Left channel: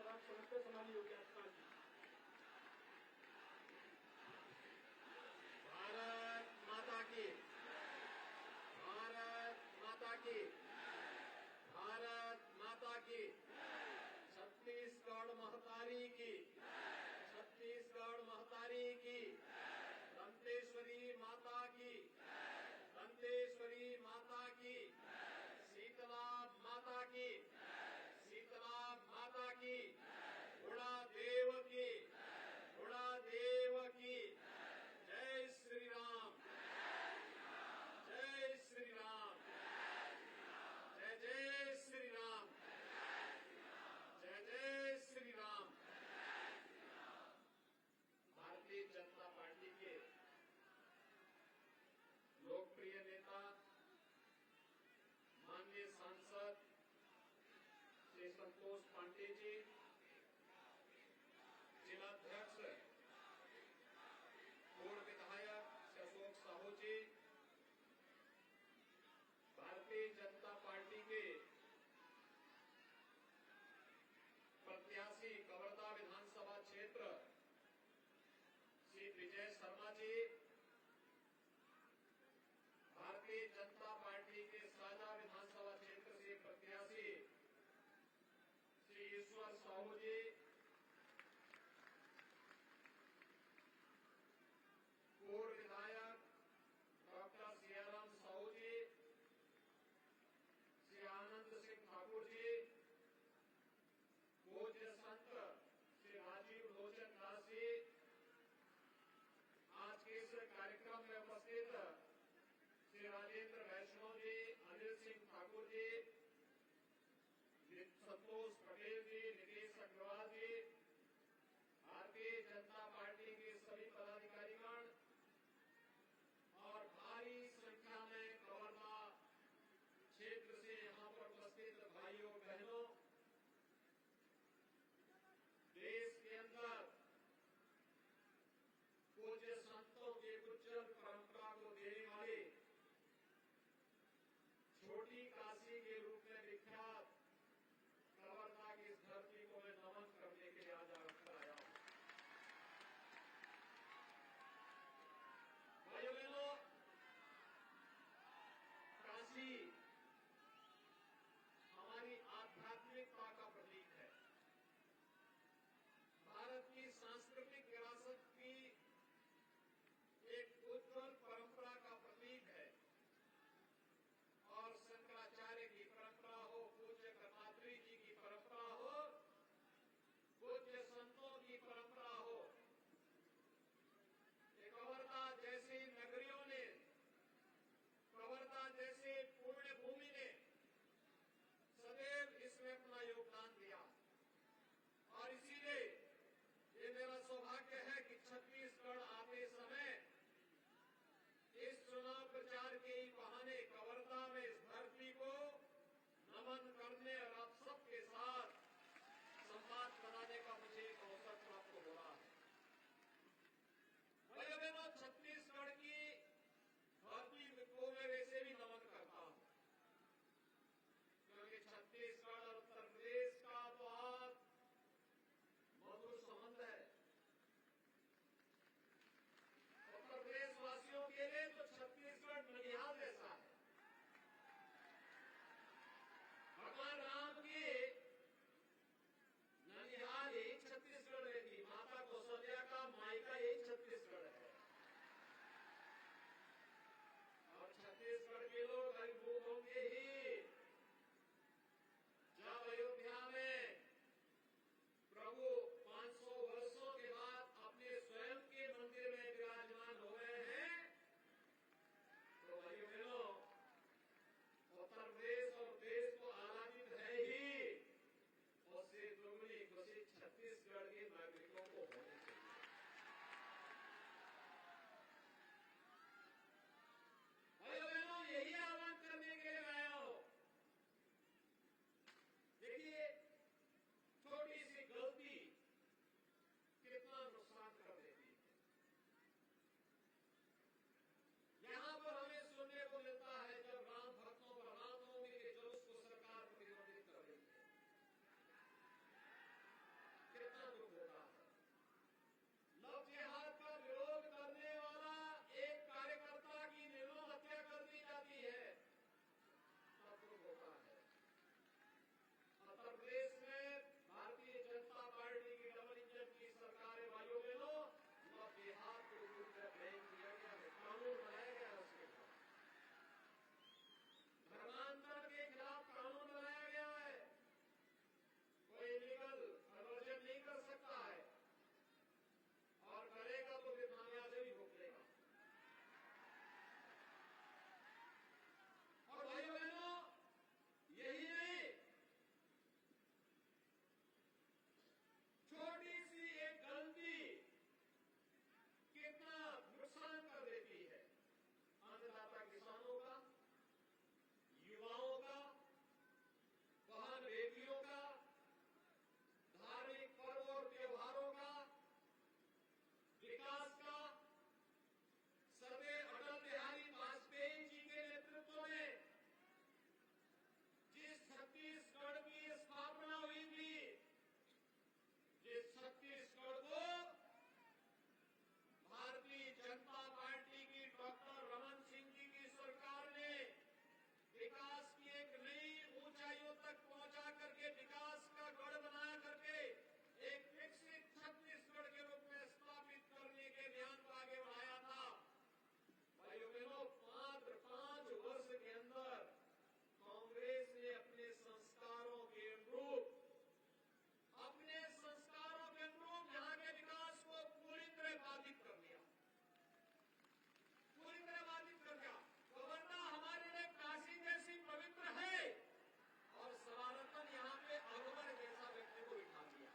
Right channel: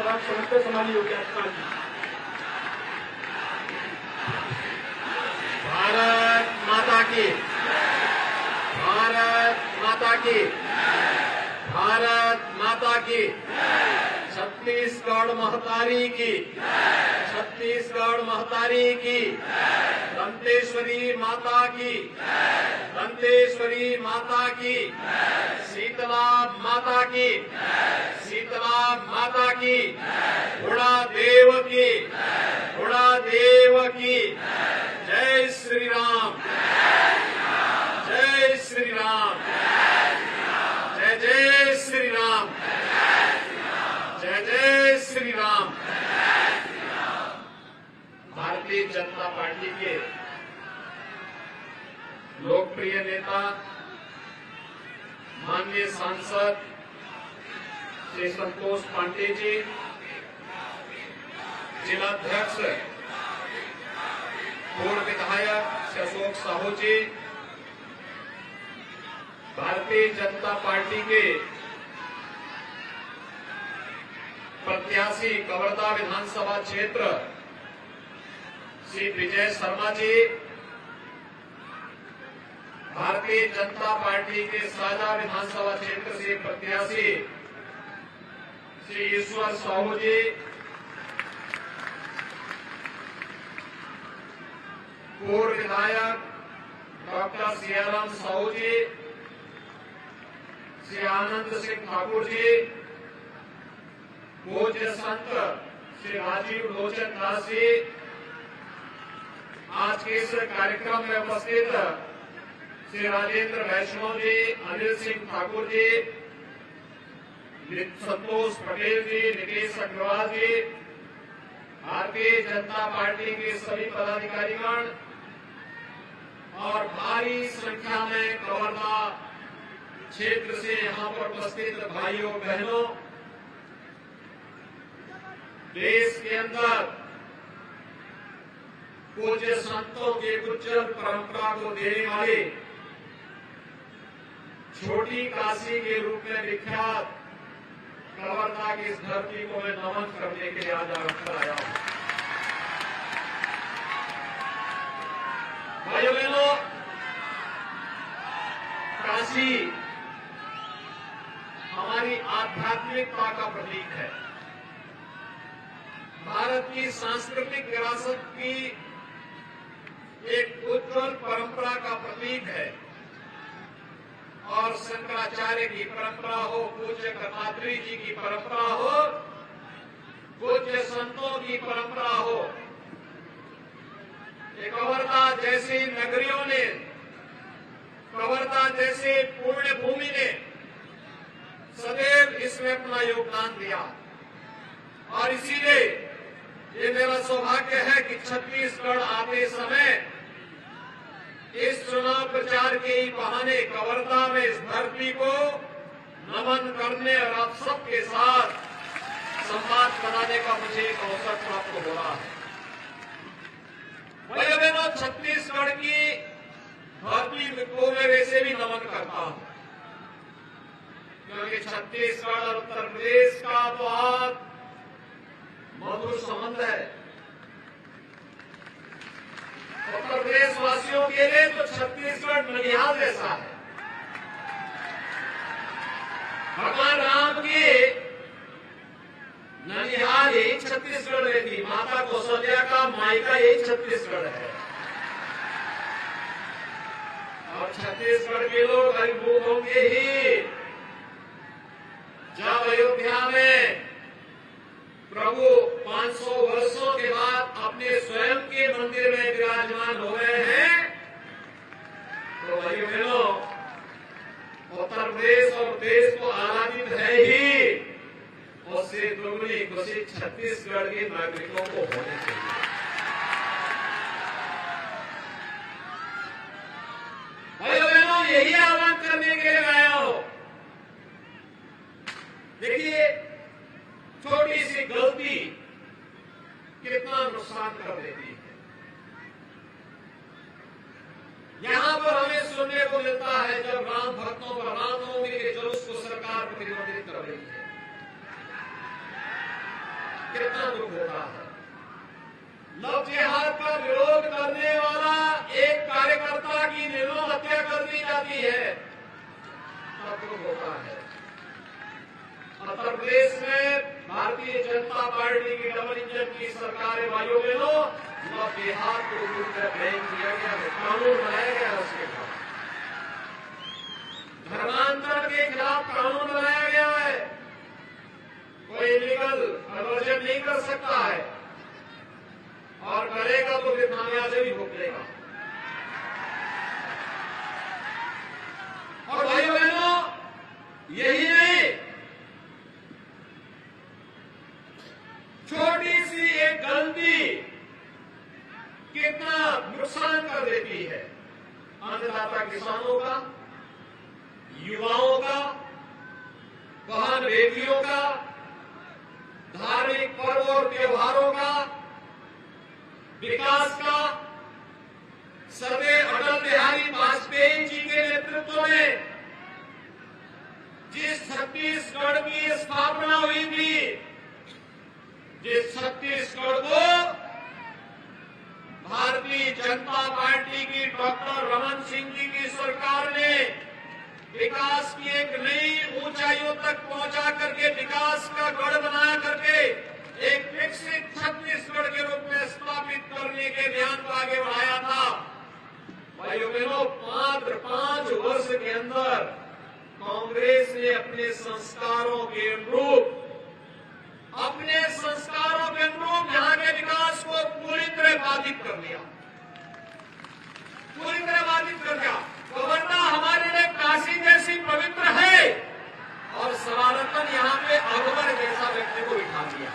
सलाम समझते समानी योगी आदित्यनाथ जी। भारत माता की, भारत माता की, भारत माता की, छत्तीसगढ़ महतारी की, छत्तीसगढ़ महतारी की, दंतेश्वरी माता की, दंतेश्वरी माता की, शीतला माता की, शीतला माता की, घोड़ा देव की, घोड़ा देव की। जय श्री राम, जय श्री राम, जय जय श्री राम, जय जय श्री राम। भारतीय जनता पार्टी के लोकप्रिय नेता माननीय सांसद श्री संतोष पांडे जी, जिलाध्यक्ष पूर्व विधायक श्री अशोक साहू जी, भारतीय जनता पार्टी के प्रत्याशी कवर्धा विधानसभा क्षेत्र श्री विजय शर्मा जी, भारतीय जनता पार्टी के साझा विधानसभा क्षेत्र से प्रत्याशी श्री ईश्वर साहू जी, पूर्व विधायक डॉक्टर सियाराम साहू जी, श्री आनंद सिंह ठाकुर जी, पूज्य संत श्री राजीव लोचन दास जी, आज के इस कार्यक्रम में उपस्थित श्री राजेंद्र वैष्णव जी, अनिल सिंह ठाकुर जी, संतोष पटेल जी, नितेश अग्रवाल जी, भारतीय जनता पार्टी के सभी पदाधिकारीगण और भारी संख्या में कवर्धा क्षेत्र से यहां पर उपस्थित भाइयों बहनों, देश के अंदर पूज्य संतों के उज्जवल परंपरा को देने वाले छोटी काशी के रूप में विख्यात कवर्धा की इस धरती को मैं नमन करने के लिए आज आया हूं। भाइयों बहनों, काशी हमारी आध्यात्मिकता का प्रतीक है, भारत की सांस्कृतिक विरासत की एक उज्जवल परंपरा का प्रतीक है और शंकराचार्य की परंपरा हो, पूज्य कपात्री जी की परंपरा हो, पूज्य संतों की परंपरा हो, कवर्धा जैसी नगरियों ने, कवर्धा जैसे पुण्य भूमि ने सदैव इसमें अपना योगदान दिया और इसीलिए ये मेरा सौभाग्य है कि छत्तीसगढ़ आते समय इस चुनाव प्रचार के ही बहाने कवर्धा में इस धरती को नमन करने और आप सबके साथ संवाद बनाने का मुझे एक अवसर प्राप्त हो रहा है। भाइयों बहनों, छत्तीसगढ़ की धरती को मैं वैसे भी नमन करता हूं क्योंकि छत्तीसगढ़ और उत्तर प्रदेश का बहुत मधुर संबंध है। उत्तर प्रदेश वासियों के लिए तो छत्तीसगढ़ ननिहाल जैसा है। भगवान राम की ननिहाल यही छत्तीसगढ़ में थी, माता कौशल्या का मायका यही छत्तीसगढ़ है और छत्तीसगढ़ के लोग अभिभूत होंगे ही जब अयोध्या में प्रभु 500 वर्षों के बाद अपने स्वयं के मंदिर में विराजमान हो गए हैं। तो भाइयों बहनों, उत्तर प्रदेश और देश को आनंदित है ही, उससे दोगुनी खुशी छत्तीसगढ़ के नागरिकों को होनी चाहिए। भाइयों बहनों, यही आह्वान करने के लिए आया हूं। देखिए, छोटी सी गलती कितना नुकसान कर देती है। यहां पर हमें सुनने को मिलता है जब राम भक्तों पर रामनवमी के जुलूस को सरकार प्रतिबंधित कर रही है, कितना दुख होता है। लव जिहाद का विरोध करने वाला एक कार्यकर्ता की निर्मम हत्या कर दी जाती है, तब दुख होता है। उत्तर प्रदेश में भारतीय जनता पार्टी की डबल इंजन की सरकार है भाइयों बहनों, लव जिहाद को दूर कर बैन किया गया है, कानून बनाया गया है उसके खिलाफ, धर्मांतरण के खिलाफ कानून बनाया गया है। कोई इलीगल कन्वर्जन नहीं कर सकता है, और करेगा तो फिर खामियाजा भी भुगतेगा। और भाइयों बहनों, यही नहीं, छोटी सी एक गलती कितना नुकसान कर देती है अन्नदाता किसानों का, युवाओं का, बहन बेटियों का, धार्मिक पर्व और त्योहारों का, विकास का। सर्वैव अटल बिहारी वाजपेयी जी के नेतृत्व में जिस छत्तीसगढ़ की स्थापना हुई थी, जिस छत्तीसगढ़ को भारतीय जनता पार्टी की डॉक्टर रमन सिंह जी की सरकार ने विकास की एक नई ऊंचाइयों तक पहुंचा करके, विकास का गढ़ बना करके एक विकसित छत्तीसगढ़ के रूप में स्थापित करने के अभियान को आगे बढ़ाया था। भाइयों बहनों, मात्र 5 वर्ष के अंदर कांग्रेस ने अपने संस्कारों के अनुरूप यहाँ के विकास को पूरी तरह बाधित कर दिया, पूरी तरह बाधित कर दिया। गवर्नर हमारे लिए काशी जैसी पवित्र है, और सवारतन यहाँ पे अकबर जैसा व्यक्ति को बिठा दिया।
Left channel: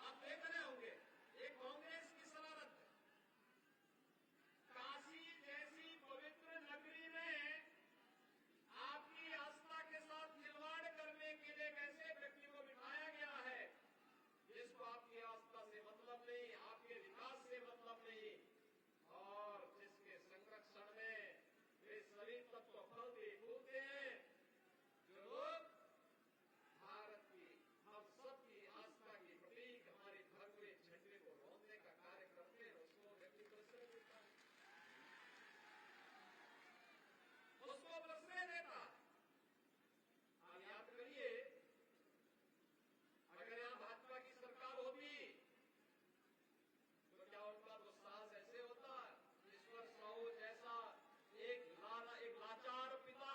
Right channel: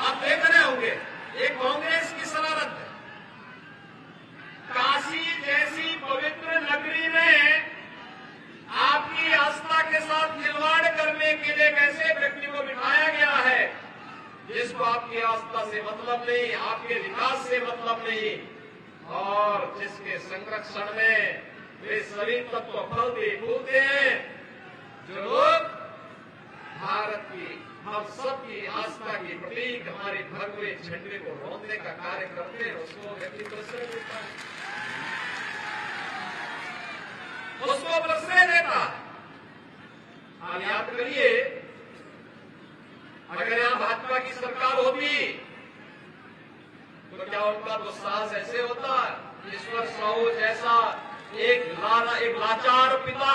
आप देख रहे होंगे, ये कांग्रेस की शरारत है। काशी जैसी पवित्र नगरी में आपकी आस्था के साथ खिलवाड़ करने के लिए कैसे व्यक्ति को बिठाया गया है, जिसको आपकी आस्था से मतलब नहीं, आपके विकास से मतलब नहीं, और जिसके संरक्षण में वे सभी तत्व फलते फूलते हैं। जो लोग भारत की, हम सबकी आस्था की प्रतीक हमारे भगवे झंडे को रोकने का कार्य करते हैं, उसको व्यक्ति प्रश्रय देता है, उसको प्रश्रय देता है। आप याद करिए, अगर यहां भाजपा की सरकार होती तो क्या उनका दुस्साहस ऐसे होता? ईश्वर साहू जैसा एक लाचार पिता,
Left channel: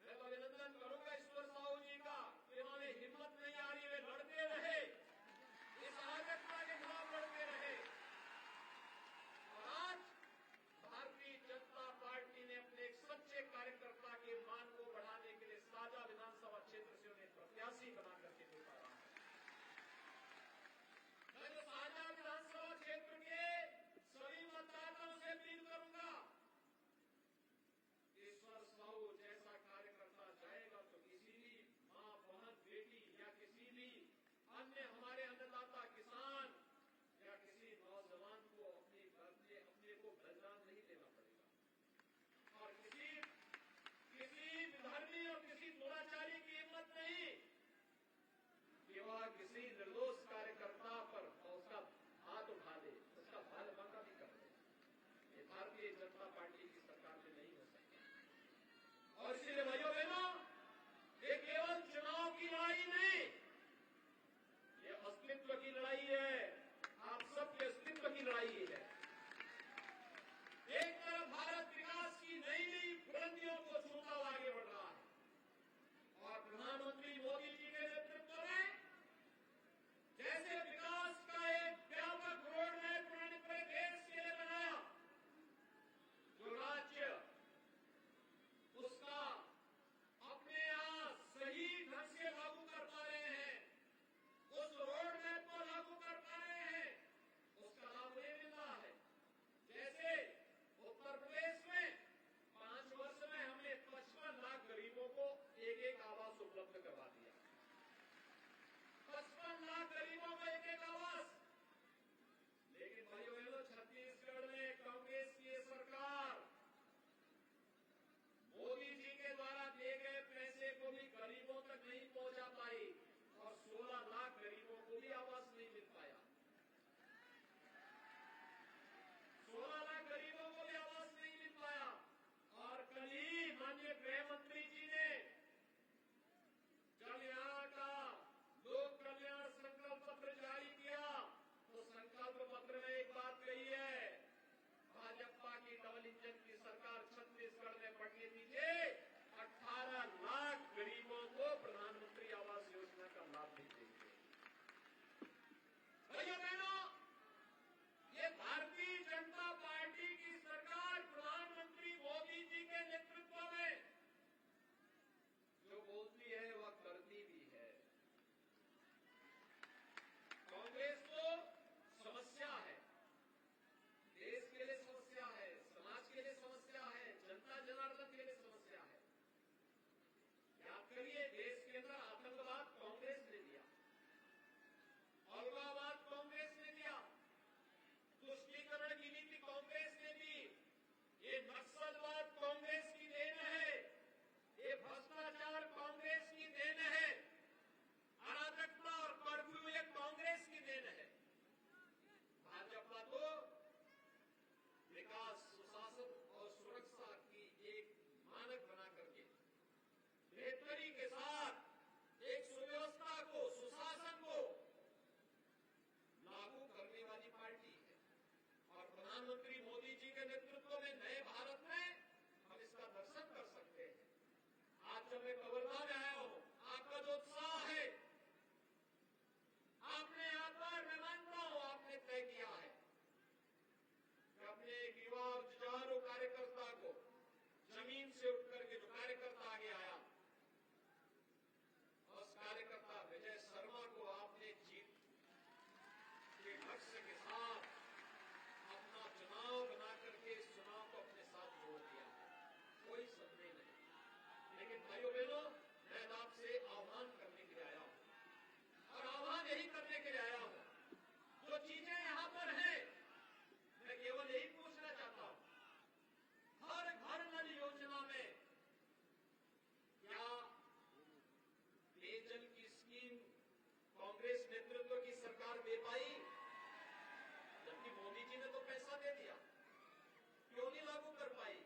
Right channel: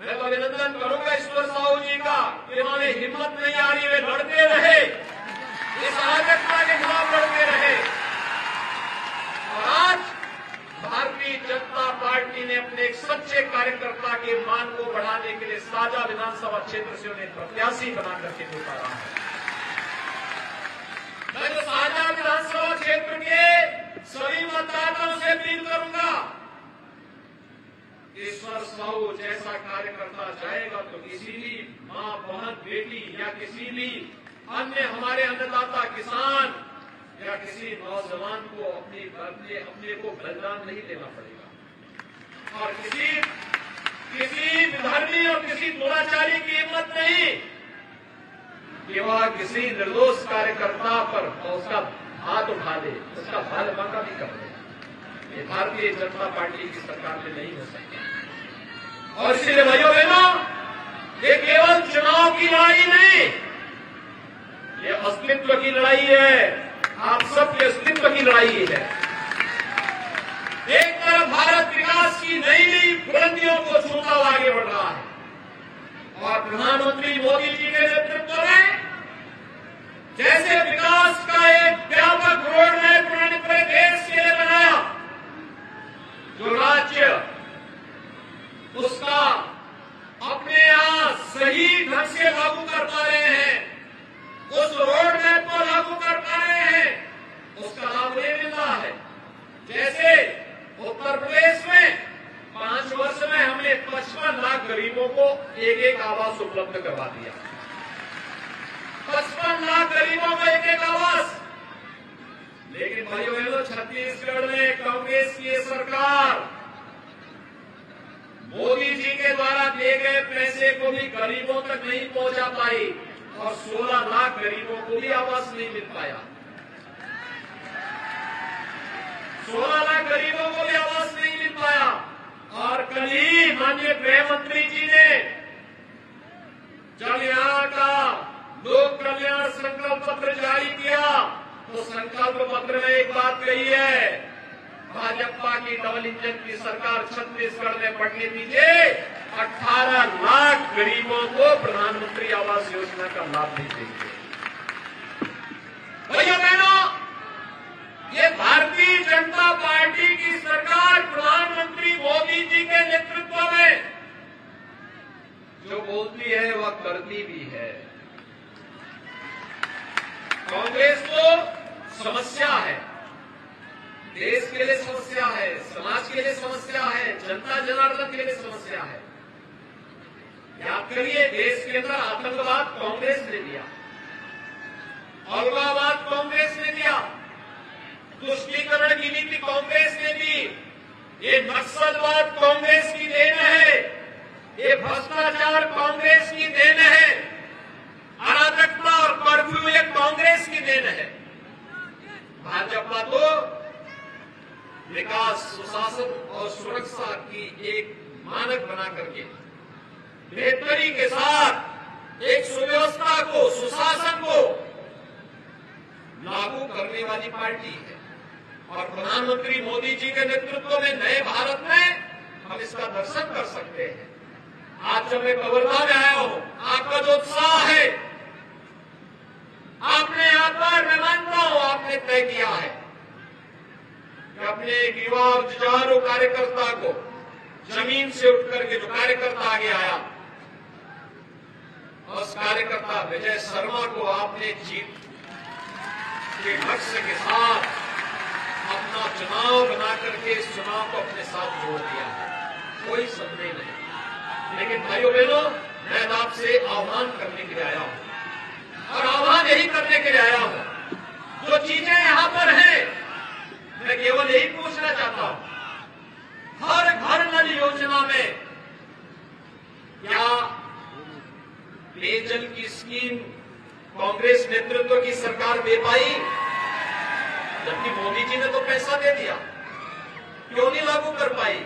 मैं तो अभिनंदन करूंगा ईश्वर साहू जी का, इन्होंने हिम्मत नहीं आ रही, वे लड़ते रहे, इस अराजकता के खिलाफ लड़ते रहे। और आज भारतीय जनता पार्टी ने अपने एक सच्चे कार्यकर्ता के मान को बढ़ाने के लिए साझा विधानसभा क्षेत्र से उन्हें प्रत्याशी बना करके उतारा है। मैं तो साझा विधानसभा क्षेत्र के सभी मतदाताओं से अपील करूंगा, ईश्वर साहू जैसा कार्यकर्ता जाएगा तो किसी भी मां, बहन, बेटी या किसी भी अन्य हमारे अन्नदाता किसान या किसी नौजवान को अपने को बलिदान नहीं देना पड़ेगा, और किसी विधर्मी और किसी दुराचारी की हिम्मत नहीं कि वह किसी निर्दोष कार्यकर्ता पर उसका हाथ उठा दे, उसका बाल बांका भी कर दे। ये भारतीय जनता पार्टी की सरकार में नहीं हो सकता। और इसलिए भाइयों बहनों, ये केवल चुनाव की लड़ाई नहीं, ये अस्तित्व की लड़ाई है, आप सबके अस्तित्व की लड़ाई है। एक तरफ भारत विकास की नई नई बुलंदियों को छूता हुआ आगे बढ़ रहा है, और प्रधानमंत्री मोदी जी के नेतृत्व में जैसे विकास का एक व्यापक रोड मैप उन्होंने पूरे देश के लिए बनाया, जो राज्य उसका अपने यहां सही ढंग से लागू कर पा रहे हैं, उस रोड मैप को लागू कर पा रहे हैं, उसका लाभ नहीं मिल रहा है। जैसे उत्तर प्रदेश में 5 वर्ष में हमने 55 लाख गरीबों को एक आवास उपलब्ध करवा दिया, 55 लाख गरीबों को एक आवास। लेकिन भाइयों बहनों, छत्तीसगढ़ में कांग्रेस की सरकार मोदी जी के द्वारा गरीबों तक नहीं पहुंचा पाई और 16 लाख गरीबों को भी आवास नहीं मिल पाया। 16 लाख गरीबों को भी आवास नहीं मिल पाया। और कल ही माननीय गृह मंत्री जी ने जब यहां का लोक कल्याण संकल्प पत्र जारी किया तो संकल्प पत्र में एक बात कही है, भाजपा की डबल इंजन की सरकार छत्तीसगढ़ में बढ़ने दीजिए, 18 लाख गरीबों को प्रधानमंत्री आवास योजना का लाभ भी देंगे। भैया बहनों, ये भारतीय जनता पार्टी की सरकार प्रधानमंत्री मोदी जी के नेतृत्व में जो बोलती है वह करती भी है। कांग्रेस को समस्या है, देश के लिए समस्या है, समाज के लिए समस्या है, जनता जनार्दन के लिए समस्या है। याद करिए, देश के अंदर आतंकवाद कांग्रेस ने दिया, अलगाववाद कांग्रेस ने दिया, तुष्टीकरण की नीति कांग्रेस ने दी, ये नक्सलवाद कांग्रेस की देन है, ये भ्रष्टाचार कांग्रेस की देन है, अराजकता और कर्फ्यू ये कांग्रेस की देन है। भाजपा तो विकास, सुशासन और सुरक्षा की एक मानक बना करके बेहतरी के साथ एक सुव्यवस्था को, सुशासन को लागू करने वाली पार्टी है। और प्रधानमंत्री मोदी जी के नेतृत्व में नए भारत में हम इसका दर्शन कर सकते हैं। आज जब मैं कवर्धा में आया हूं, आपका जो उत्साह है, आपने यहां पर, मैं मानता हूं, आपने तय किया है कि अपने एक युवा और जुझारू कार्यकर्ता को जमीन से उठ करके जो कार्यकर्ता आगे आया, उस कार्यकर्ता विजय शर्मा को आपने जीत के लक्ष्य के साथ अपना चुनाव बना करके इस चुनाव को अपने साथ जोड़ दिया है, कोई संदेह नहीं। लेकिन भाइयों बहनों, मैं आपसे आह्वान करने के लिए आया हूं और आह्वान यही करने के लिए आया हूं, जो चीजें यहां पर हैं, मैं केवल यही पूछना चाहता हूं, हर घर नल योजना में क्या पेयजल की स्कीम कांग्रेस नेतृत्व की सरकार दे पाई? जबकि मोदी जी ने तो पैसा दे दिया, क्यों नहीं लागू कर पाई?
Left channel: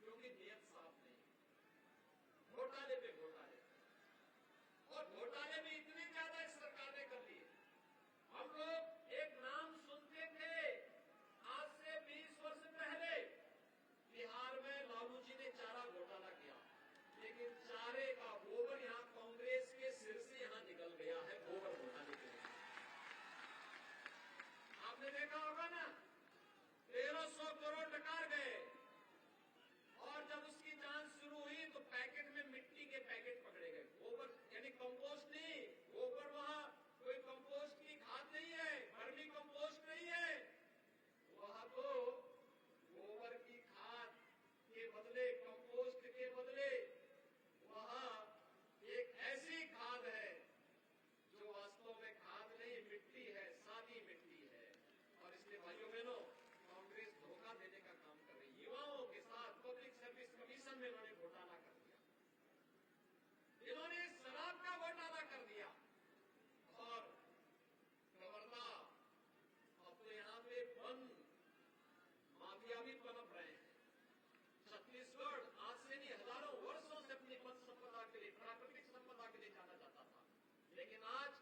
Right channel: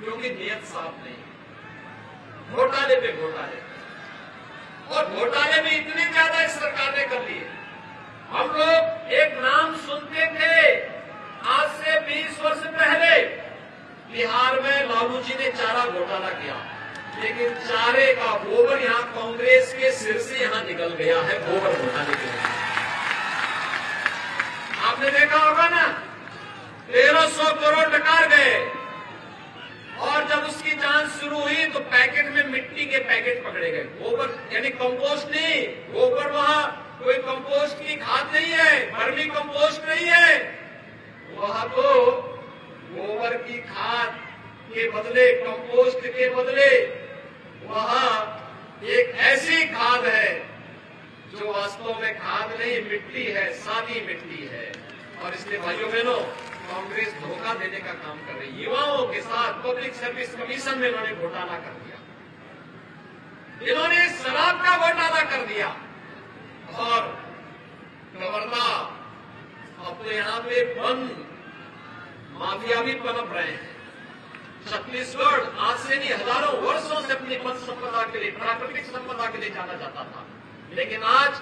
क्योंकि नियत साफ नहीं। घोटाले पे घोटाले, और घोटाले भी इतने ज्यादा इस सरकार ने कर लिए। हम लोग एक नाम सुनते थे आज से 20 वर्ष पहले, बिहार में लालू जी ने चारा घोटाला किया, लेकिन चारे का गोबर यहां कांग्रेस के सिर से यहां निकल गया है गोबर घोटाले के लिए। आपने देखा होगा ना, 1300 करोड़ डकार गए, और जब उसकी जांच शुरू हुई तो पैकेट में मिट्टी के पैकेट पकड़े गए। गोबर यानी कंपोस्ट नहीं, गोबर वहां कोई कंपोस्ट की खाद नहीं है, वर्मी कंपोस्ट नहीं है, वहां तो गोबर की खाद के बदले, कंपोस्ट के बदले वहां एक ऐसी खाद है जो वास्तव में खाद नहीं, मिट्टी है, सादी मिट्टी है। और इसलिए भाइयों बहनों, कांग्रेस धोखा देने का काम कर रही है। युवाओं के साथ पब्लिक सर्विस कमीशन में इन्होंने घोटाला कर दिया, इन्होंने शराब का घोटाला कर दिया, और कवर्धा अब तो यहां पे वन माफिया भी पनप रहे हैं। छत्तीसगढ़ आज से नहीं, हजारों वर्षों से अपनी वन संपदा के लिए, प्राकृतिक संपदा के लिए जाना जाता था, लेकिन आज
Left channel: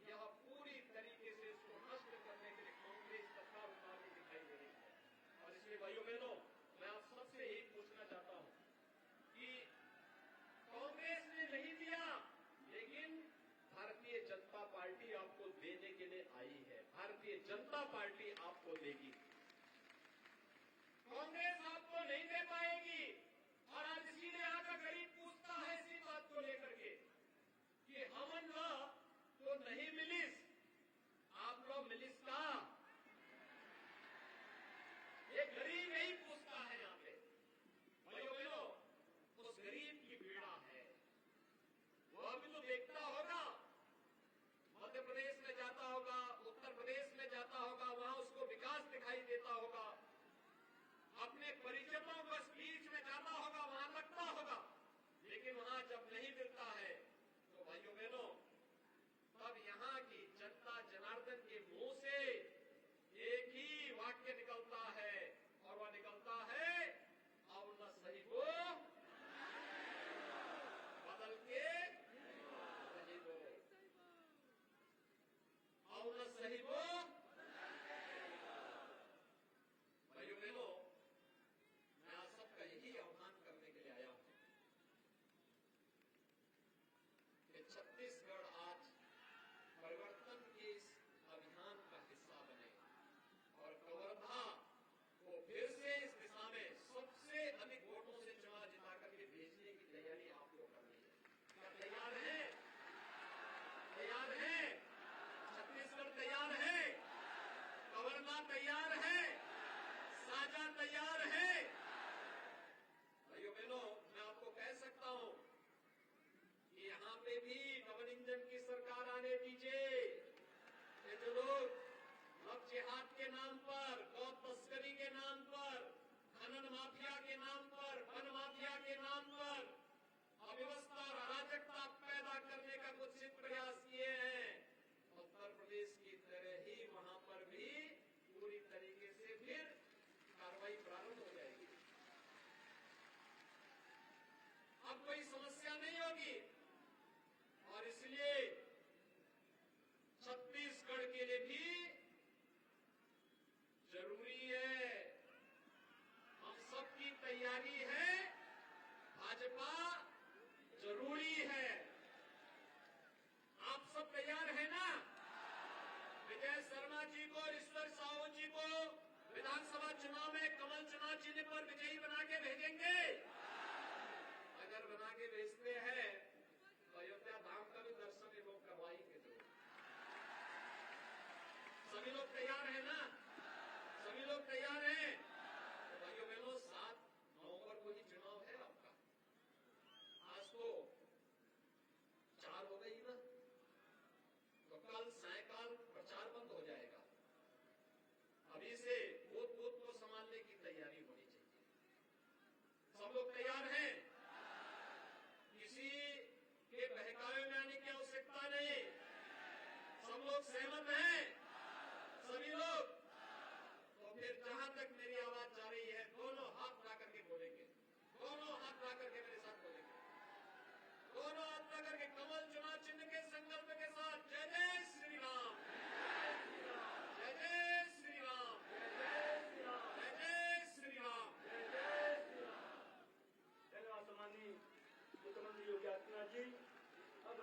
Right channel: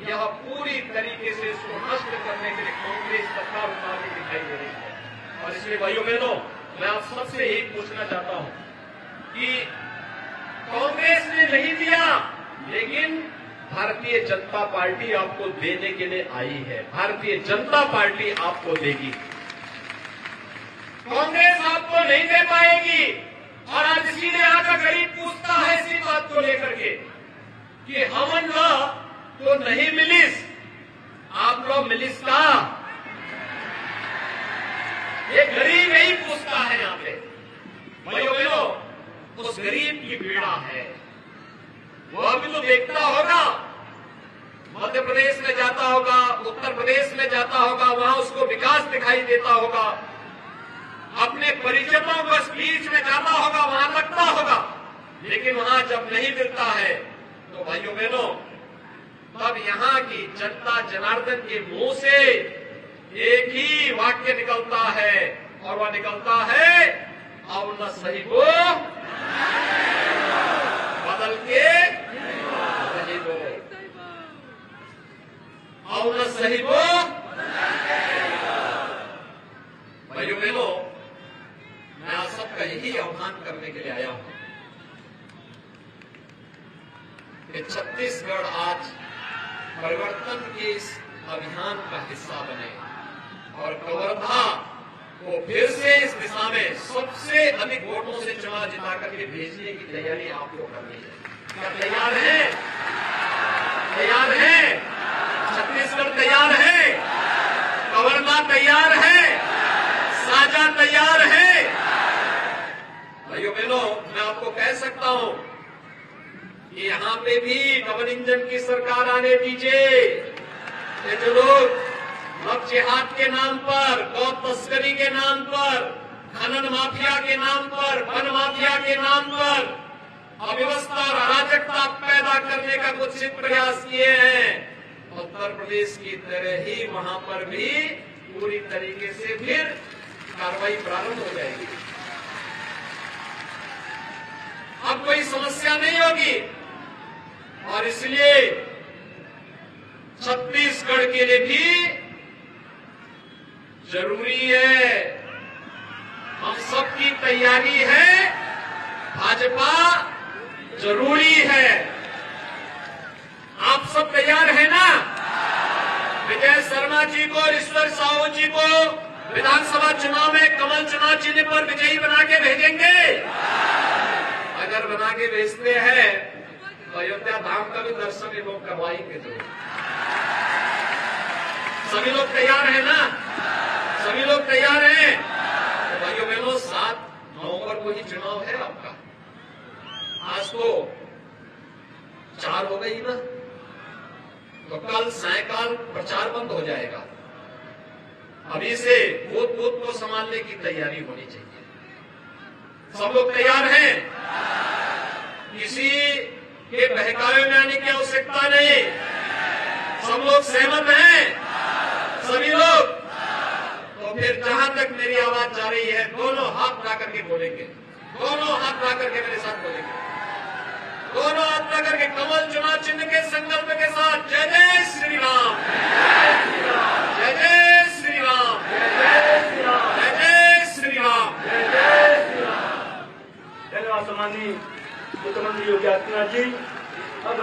यह पूरी तरीके से इसको नष्ट करने के लिए कांग्रेस सरकार उतारने दिखाई दे रही है। और इसलिए भाइयों बहनों, मैं आप सबसे यही पूछना चाहता हूं कि कांग्रेस ने नहीं दिया, लेकिन भारतीय जनता पार्टी आपको देने के लिए आई है। भारतीय जनता पार्टी आपको देगी, कांग्रेस आपको नहीं दे पाएगी। और आज इसीलिए आकर गरीब पूछता है इसी बात को लेकर के कि हमन ला तो नहीं मिलिस, आप लोग मिलिस का? ये गरीब यही पूछता है यहां पे। भाइयों बहनों, उस गरीब की पीड़ा है, वह भी तो देखता होगा, मध्य प्रदेश में जाता होगा, उत्तर प्रदेश में जाता होगा, वहां उसको विकास दिखाई देता होगा, अपने परिजनों को बीच में जाता होगा, वहां लगता होगा, लेकिन वहां जब नहीं मिलता है तो भाइयों बहनों, तब यहाँ की जनता जनार्दन के मुंह से एक ही वाक्य निकलता है, और वह निकलता है, अब न सही को बदल के सही को, अब न सही को। भाइयों बहनों, मैं आप सबका यही आह्वान करने के लिए आया हूं कि छत्तीसगढ़ आज परिवर्तन के इस अभियान का हिस्सा बने और कवर्धा को फिर से इस दिशा में सबसे अधिक वोटों से चुनाव जिता करके भेजने की तैयारी आपको करनी है। क्या तैयार है? तैयार है? छत्तीसगढ़ तैयार है? कवर्धा तैयार है? साझा तैयार है? भाइयों बहनों, मैं आपको कह सकता हूं कि यहां पे भी डबल इंजन की सरकार आने दीजिए। ये जो लोग अब जिहाद के नाम पर, गौ तस्करी के नाम पर, खनन माफिया के नाम पर, वन माफिया के नाम पर अव्यवस्था और अराजकता पैदा करने का कुछ प्रयास किए हैं, उत्तर प्रदेश की तरह ही वहां पर भी पूरी तरीके से फिर कार्रवाई प्रारंभ हो जाएगी। अब कोई समस्या नहीं होगी, और इसलिए छत्तीसगढ़ के लिए भी जरूरी है, हम सबकी तैयारी है, भाजपा जरूरी है। आप सब तैयार हैं ना? विजय शर्मा जी को, ईश्वर साहू जी को विधानसभा चुनाव में कमल चुनाव चिन्ह पर विजयी बना के भेजेंगे? अगर बना के भेजते हैं तो अयोध्या धाम का भी दर्शन ये लोग करवाएंगे। तो सभी लोग तैयार हैं ना? सभी लोग तैयार हैं? तो भाइयों बहनों, 7 नवंबर को ही चुनाव है आपका। आज तो 4 हो गई ना, तो कल सायकाल प्रचार बंद हो जाएगा। अभी से बूथ बूथ को संभालने की तैयारी होनी चाहिए। सब लोग तैयार हैं? किसी के बहकावे में आने की आवश्यकता नहीं। सब लोग सहमत हैं? सभी लोग? तो फिर जहां तक मेरी आवाज जा रही है, दोनों हाथ उठा करके बोलेंगे, दोनों हाथ उठा करके मेरे साथ बोलेंगे, दोनों हाथ उठा करके कमल चुनाव चिन्ह के संकल्प के साथ जय जय श्री राम, जय जय श्री राम, जय जय श्री राम। धन्यवाद सम्माननीय मुख्यमंत्री योगी आदित्यनाथ जी। अब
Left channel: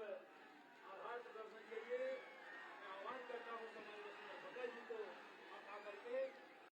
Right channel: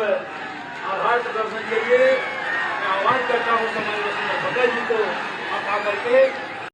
आभार प्रदर्शन के लिए मैं आह्वान करता हूं सम्माननीय भगत जी को आप आकर के